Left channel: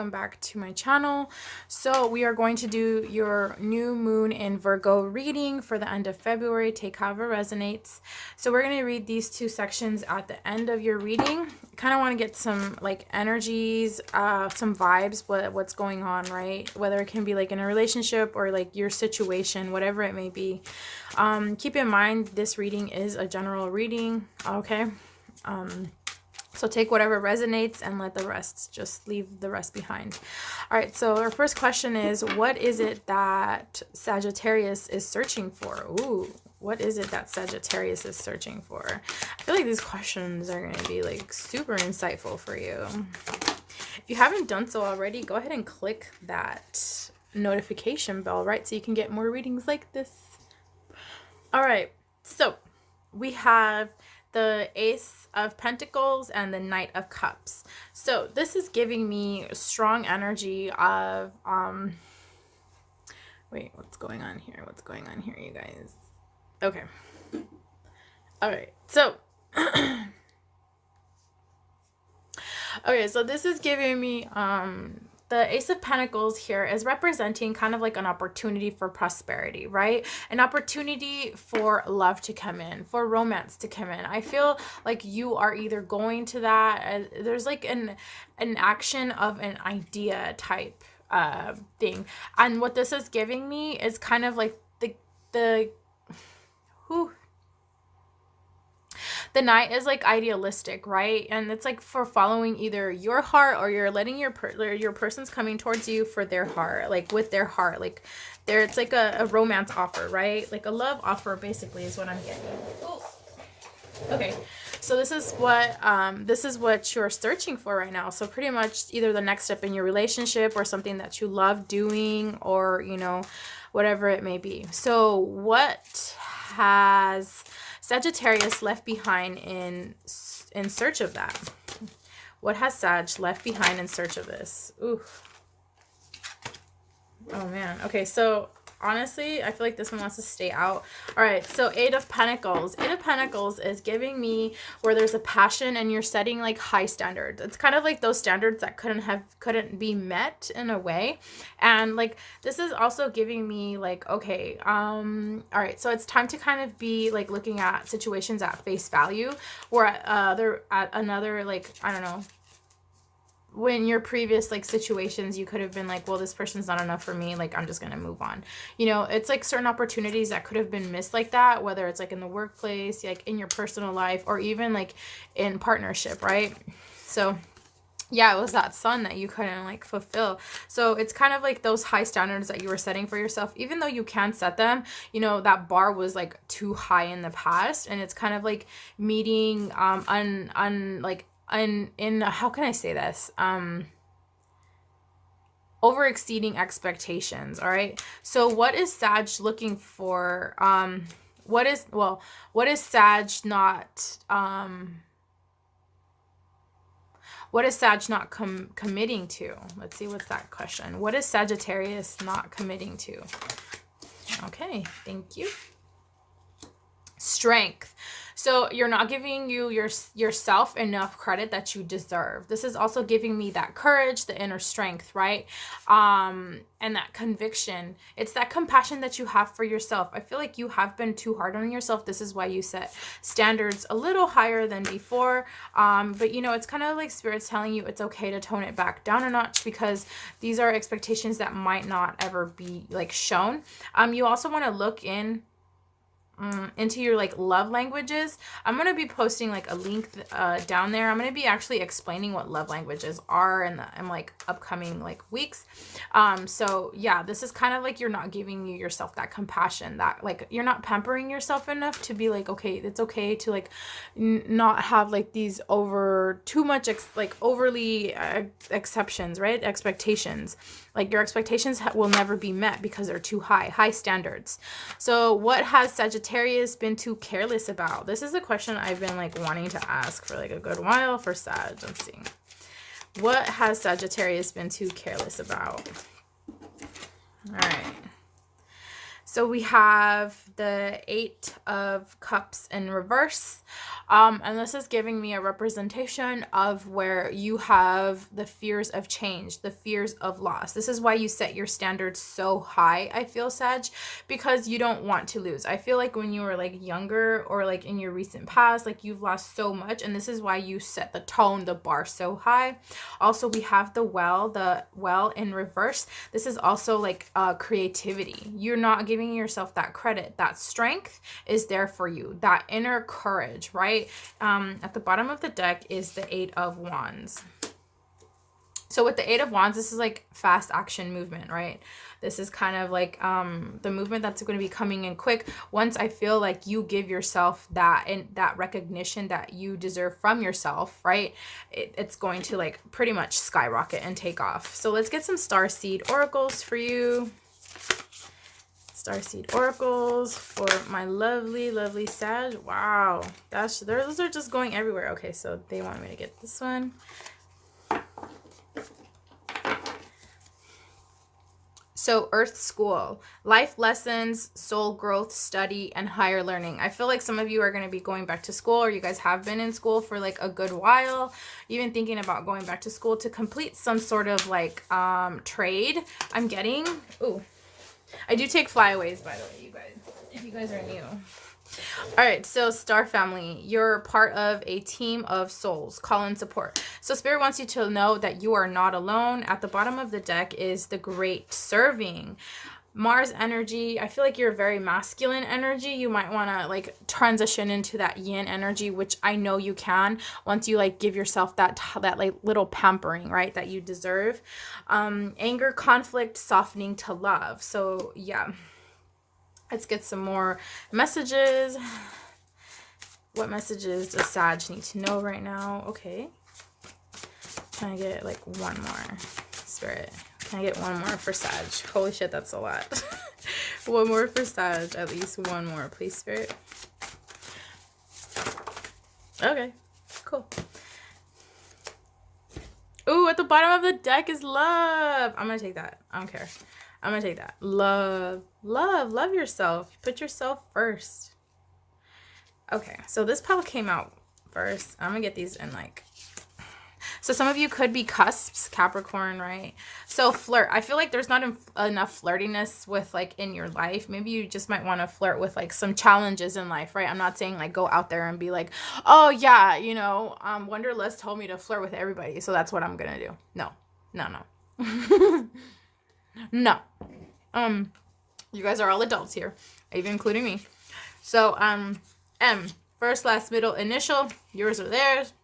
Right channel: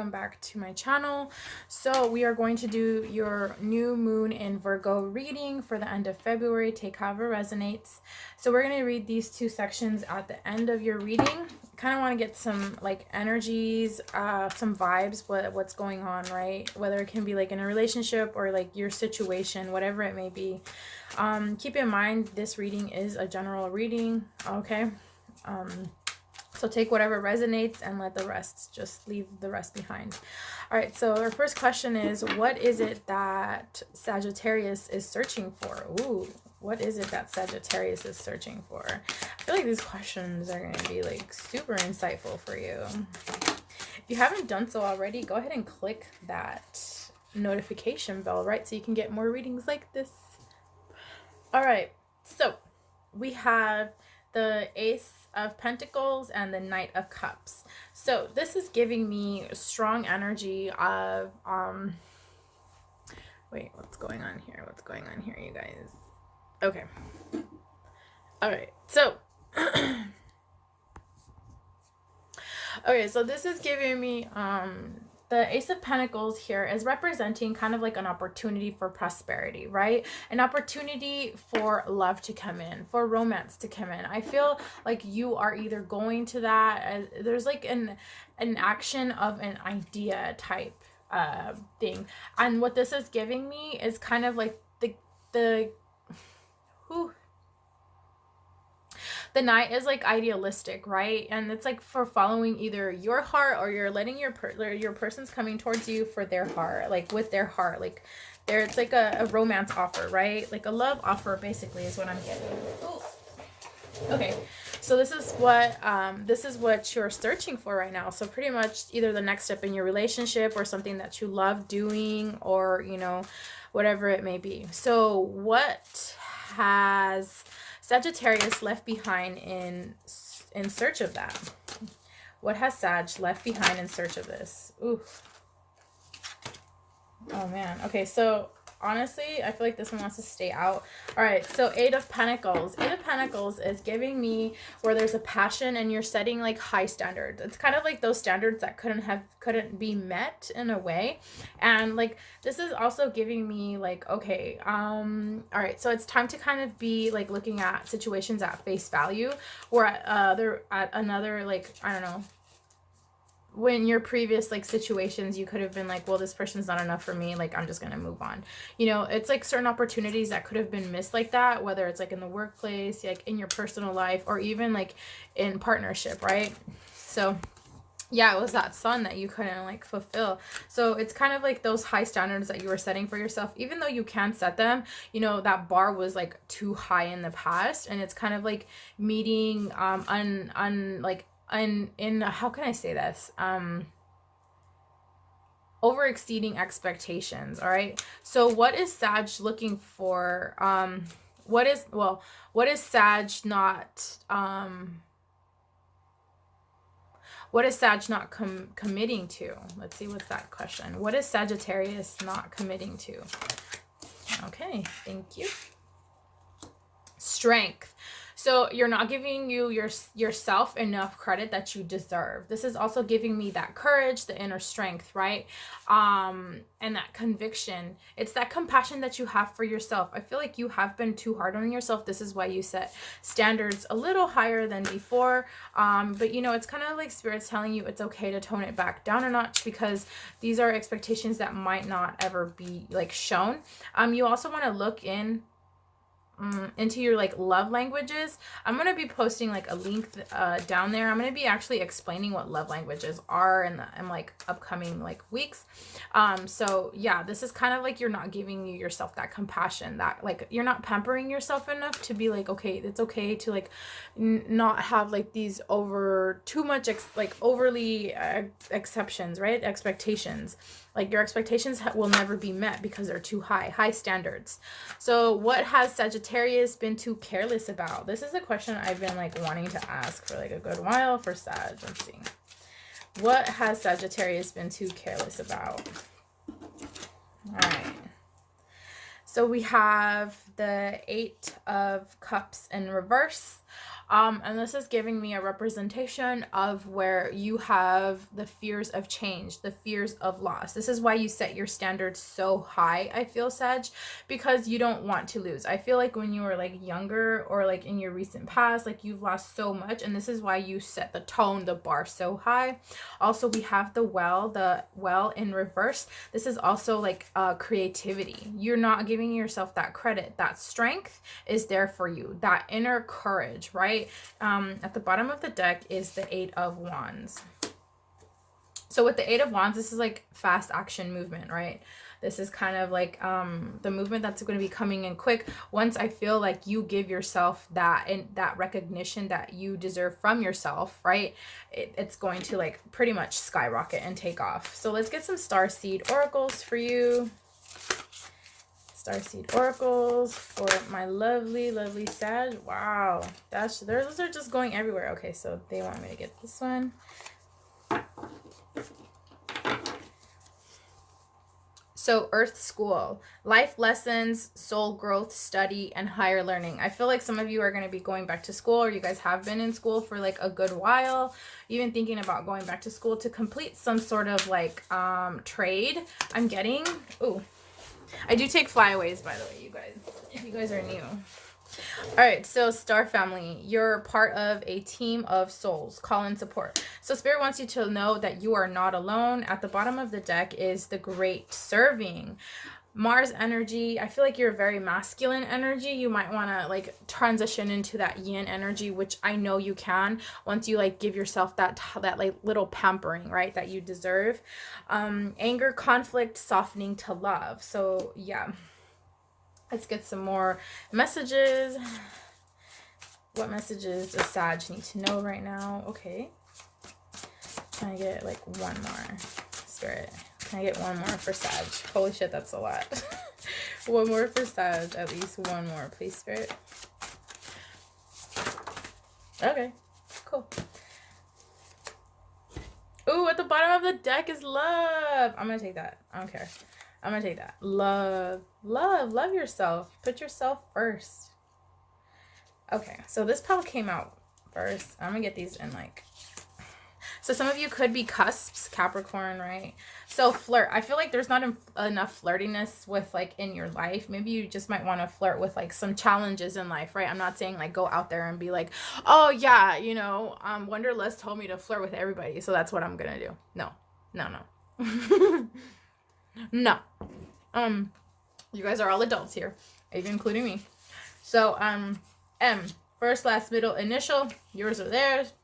welcome back to my channel. So we are going to do your new moon in Virgo reading for the end of February. Take however resonates. So we're going to read these two sections at the end of your reading. Kind of want to get some like energies, some vibes, what's going on, right? Whether it can be like in a relationship or like your situation, whatever it may be. Keep in mind this reading is a general reading, okay? So take whatever resonates and let the rest, just leave the rest behind. All right, so our first question is, what is it that Sagittarius is searching for? Ooh, what is it that Sagittarius is searching for? I feel like these questions are going to be like super insightful for you. If you haven't done so already, go ahead and click that notification bell, right? So you can get more readings like this. All right, so we have the Ace of Pentacles and the Knight of Cups. So this is giving me strong energy of wait, what's going on here, you guys? Okay, all right, so okay, so this is giving me the Ace of Pentacles here is representing kind of like an opportunity for prosperity, right? An opportunity for love to come in, for romance to come in. I feel like you are either going to that, there's like an action of an idea type thing. And what this is giving me is kind of like the Knight is like idealistic, right? And it's like for following either your heart, or you're letting your person's coming towards you for their heart, like with their heart, like there, it's like a romance offer, right? Like a love offer basically is what I'm getting. Oh, okay, so this is what you're searching for right now. So pretty much either the next step in your relationship, or something that you love doing, or you know, whatever it may be. So what has Sagittarius left behind in search of that? What has Sag left behind in search of this? Ooh. Oh man. Okay, so honestly, I feel like this one wants to stay out. All right, so Eight of Pentacles. Eight of Pentacles is giving me where there's a passion and you're setting like high standards. It's kind of like those standards that couldn't be met in a way. And like this is also giving me like, okay, all right, so it's time to kind of be like looking at situations at face value, or they're at another, like, I don't know, when your previous like situations, you could have been like, well, this person's not enough for me, like I'm just gonna move on. You know, it's like certain opportunities that could have been missed like that, whether it's like in the workplace, like in your personal life, or even like in partnership, right? So yeah, it was that sun that you couldn't like fulfill. So it's kind of like those high standards that you were setting for yourself, even though you can set them, you know, that bar was like too high in the past, and it's kind of like meeting in how can I say this, over exceeding expectations. All right, so what is Sag looking for? What is Sag not committing to? Let's see, what's that question? What is Sagittarius not committing to? Okay, thank you. Strength. So you're not giving yourself enough credit that you deserve. This is also giving me that courage, the inner strength, right? And that conviction. It's that compassion that you have for yourself. I feel like you have been too hard on yourself. This is why you set standards a little higher than before. But you know, it's kind of like Spirit's telling you it's okay to tone it back down a notch, because these are expectations that might not ever be like shown. You also want to look into your like love languages. I'm going to be posting like a link down there. I'm going to be actually explaining what love languages are in like upcoming like weeks. So yeah, this is kind of like you're not giving yourself that compassion, that like you're not pampering yourself enough to be like, okay, it's okay to like not have like these overly exceptions, right? Expectations. Like your expectations will never be met because they're too high standards. So what has Sagittarius been too careless about? This is a question I've been like wanting to ask for like a good while for Sag. Let's see. What has Sagittarius been too careless about? All right. So we have the 8 of Cups in reverse. And this is giving me a representation of where you have the fears of change, the fears of loss. This is why you set your standards so high, I feel, Sag, because you don't want to lose. I feel like when you were like younger or like in your recent past, like you've lost so much, and this is why you set the tone, the bar so high. Also, we have the well in reverse. This is also like creativity. You're not giving yourself that credit. That strength is there for you, that inner courage, right? At the bottom of the deck is the 8 of Wands. So with the 8 of Wands, this is like fast action movement, right? This is kind of like the movement that's going to be coming in quick. Once I feel like you give yourself that and that recognition that you deserve from yourself, right? It's going to like pretty much skyrocket and take off. So let's get some starseed oracles for you. Starseed oracles for my lovely, lovely Sag. Wow, those are just going everywhere. Okay, so they want me to get this one. So Earth School, life lessons, soul growth, study, and higher learning. I feel like some of you are going to be going back to school, or you guys have been in school for like a good while, even thinking about going back to school to complete some sort of like trade. I'm getting, ooh, I do take flyaways, by the way, you guys, if you guys are new. All right, so Star Family, you're part of a team of souls. Call in support. So Spirit wants you to know that you are not alone. At the bottom of the deck is the Great Serving. Mars energy, I feel like you're very masculine energy. You might want to like transition into that yin energy, which I know you can once you like give yourself that like little pampering, right, that you deserve. Anger, conflict, softening to love. So yeah, let's get some more messages. What messages does Sag need to know right now? Okay, can I get like one more, Spirit? Can I get one more for Sag? Holy shit, that's a lot. One more for Sag. At least one more, please, Spirit. Okay, cool. Ooh, at the bottom of the deck is love. I'm going to take that. I don't care. I'm going to take that. Love. Love. Love yourself. Put yourself first. Okay, so this pile came out first. I'm going to get these in like... So some of you could be cusps, Capricorn, right? So flirt. I feel like there's not enough flirtiness with like in your life. Maybe you just might want to flirt with like some challenges in life, right? I'm not saying like go out there and be like, oh yeah, you know, Wanderlust told me to flirt with everybody, so that's what I'm gonna do. No, no, no. No. You guys are all adults here, even including me. So M, first, last, middle, initial, yours or theirs.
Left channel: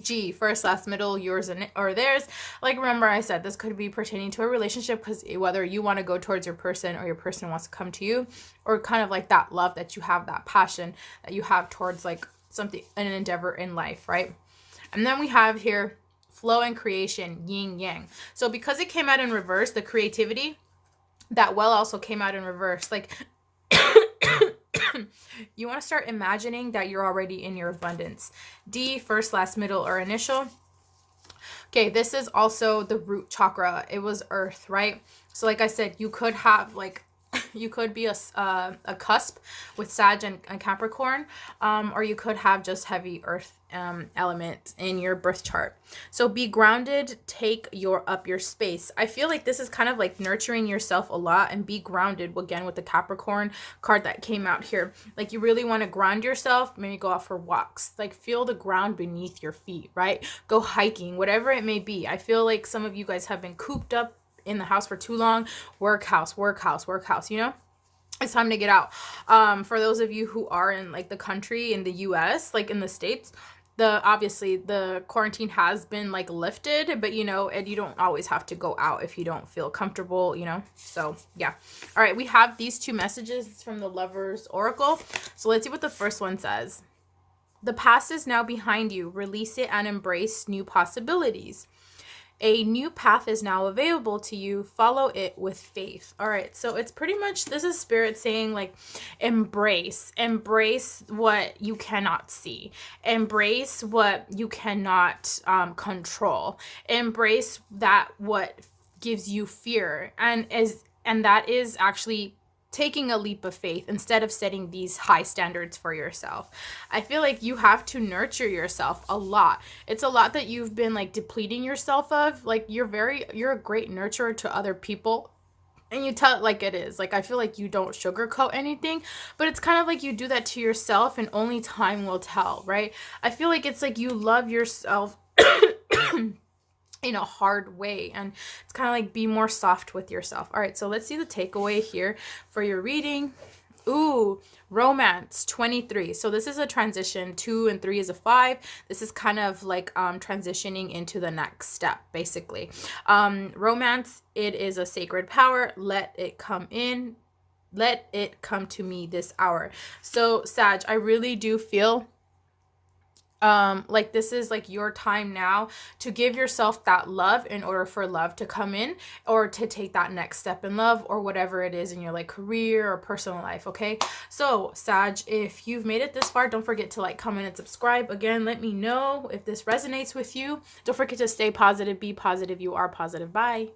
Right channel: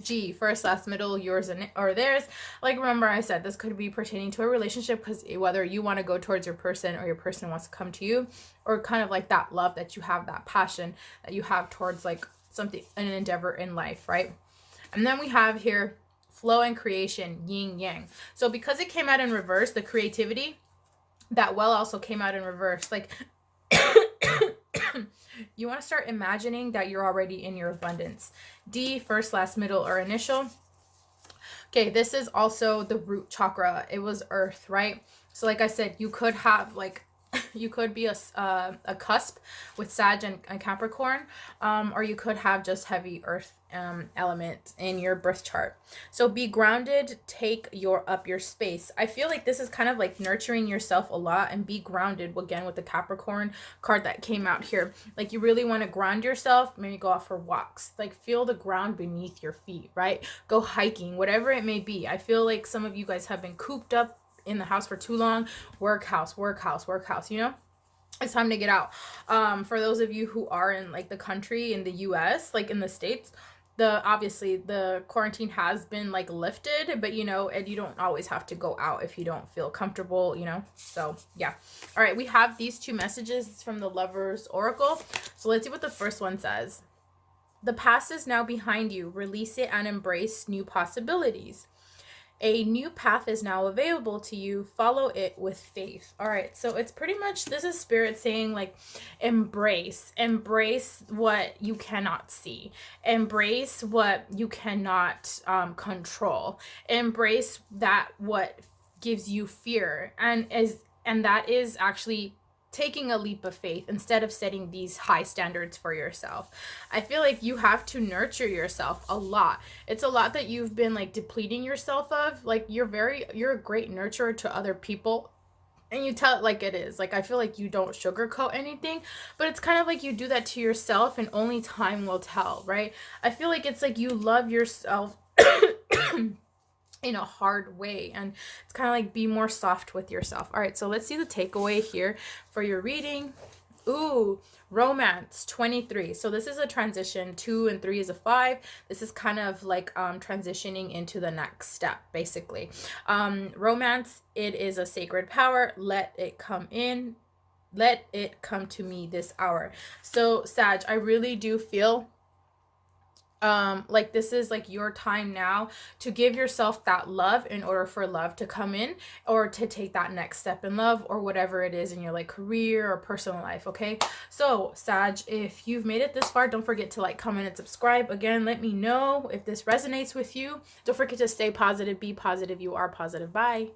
G, first, last, middle, yours or theirs. Like, remember I said this could be pertaining to a relationship, because whether you want to go towards your person or your person wants to come to you, or kind of like that love that you have, that passion that you have towards like something, an endeavor in life, right? And then we have here flow and creation, yin yang. So because it came out in reverse, the creativity, that well also came out in reverse. Like you want to start imagining that you're already in your abundance. D, first, last, middle, or initial. Okay, this is also the root chakra. It was earth, right? So like I said, you could have like, you could be a cusp with Sag and Capricorn, or you could have just heavy earth element in your birth chart. So be grounded, take up your space. I feel like this is kind of like nurturing yourself a lot, and be grounded again with the Capricorn card that came out here. Like you really want to ground yourself, maybe go out for walks, like feel the ground beneath your feet, right? Go hiking, whatever it may be. I feel like some of you guys have been cooped up in the house for too long. Work house, you know? It's time to get out. For those of you who are in like the country, in the US, like in the States, obviously the quarantine has been like lifted, but you know, and you don't always have to go out if you don't feel comfortable, you know? So yeah. All right, we have these two messages from the Lover's Oracle. So let's see what the first one says. The past is now behind you. Release it and embrace new possibilities. A new path is now available to you. Follow it with faith. All right. So it's pretty much, this is Spirit saying like, embrace what you cannot see. Embrace what you cannot control. Embrace that what gives you fear. And that is actually taking a leap of faith instead of setting these high standards for yourself. I feel like you have to nurture yourself a lot. It's a lot that you've been like depleting yourself of. Like you're a great nurturer to other people. And you tell it like it is. Like I feel like you don't sugarcoat anything, but it's kind of like you do that to yourself and only time will tell, right? I feel like it's like you love yourself in a hard way, and it's kind of like be more soft with yourself. All right, so let's see the takeaway here for your reading. Ooh, romance 23. So this is a transition. 2 and 3 is a 5. This is kind of like transitioning into the next step, basically. Romance, it is a sacred power. Let it come in. Let it come to me this hour. So Sag, I really do feel like this is like your time now to give yourself that love in order for love to come in, or to take that next step in love, or whatever it is in your like career or personal life. Okay, so Sag, if you've made it this far, don't forget to like, comment, and subscribe. Again, let me know if this resonates with you. Don't forget to stay positive, be positive. You are positive. Bye.